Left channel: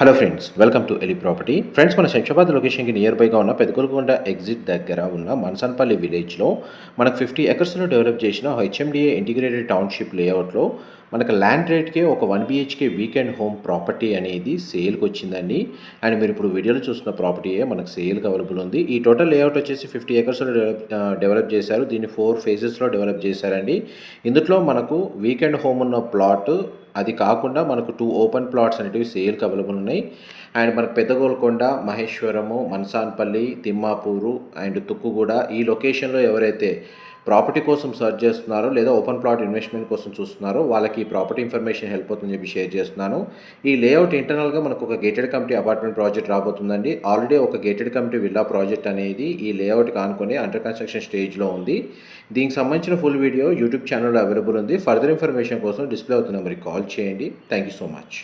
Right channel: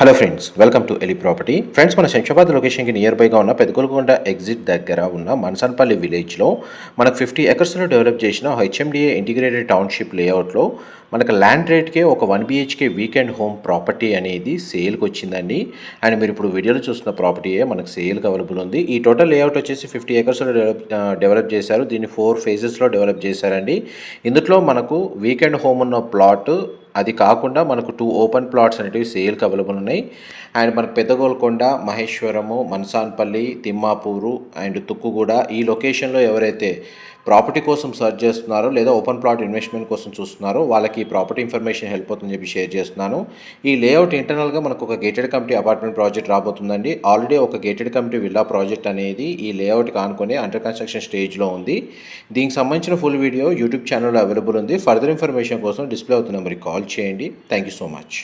Hello friends, welcome to ఎలి property. Friends, మన శంషాబాద్ లొకేషన్కి నియర్ బైగా ఉన్న పెదకొల్కొండ ఎగ్జిట్ దగ్గర ఉన్న మన్సాన్పల్లి విలేజ్లో మనకు 50 ఎకర్స్లో డెవలప్ చేసిన హెచ్ఎండిఏ ఇంటిగ్రేటెడ్ టౌన్షిప్ లేఅవుట్లో మనకు ల్యాండ్ రేట్కే ఒక 1 BHK వీకెండ్ హోమ్ ప్రాపర్టీ అనేది సేల్కి వచ్చిందండి. అండ్ మీరు ఇప్పుడు వీడియోలో చూస్తున్న ప్రాపర్టీయే మనకు సేల్కి అవైలబుల్ ఉంది. ఈ టోటల్ లేఅవుట్ వచ్చేసి 50 ఎకర్స్లో డెవలప్ చేశారు. దీన్ని 4 ఫేజెస్లో డెవలప్ చేశారండి. ఇందులో మనకు వీకెండ్ హోమ్ ఉన్న ప్లాట్, అది కాకుండా మనకు 2 ఓపెన్ ప్లాట్స్ అనేటివి సేల్కి అవైలబుల్ ఉన్నాయి. అండ్ మనకు పెద్దగోల్కొండ, మహేశ్వరము, మన్సాన్పల్లి, తిమ్మాపూరు అండ్ తుక్కుగూడ ఈ లొకేషన్లో ఎవరైతే ప్రాపర్టీ కోసం సర్చ్ చేస్తున్నారో లేదా ఓపెన్ ప్లాట్ ఇన్వెస్ట్మెంట్ కోసం చూస్తున్నారో వాళ్ళకి ఈ ప్రాపర్టీ ఇన్ఫర్మేషన్ హెల్ప్ అవుతుందని చెప్పి షేర్ చేస్తున్నాను. ఈ లేఅవుట్ ఇంటర్నల్గా మనకు ఒక గేటెడ్ కమిటీ అపార్ట్మెంట్ ప్రాజెక్ట్ రాబోతుందండి. ఆల్రెడీ ఒక గేటెడ్ కమిటీ విల్లా ప్రాజెక్ట్ అనేది ఈ లేఅవుట్కి ఆనుకొని అండర్ కన్స్ట్రక్షన్ స్టేజ్లో ఉంది. దీనికి సంబంధించిన ఫుల్ వీడియో యూట్యూబ్ ఛానల్లో అవైలబుల్ ఉంది. ఫర్దర్ ఇన్ఫర్మేషన్ కోసం డిస్ప్లే అవుతున్న నెంబర్కి కాల్ చేయండి. Thank you so much.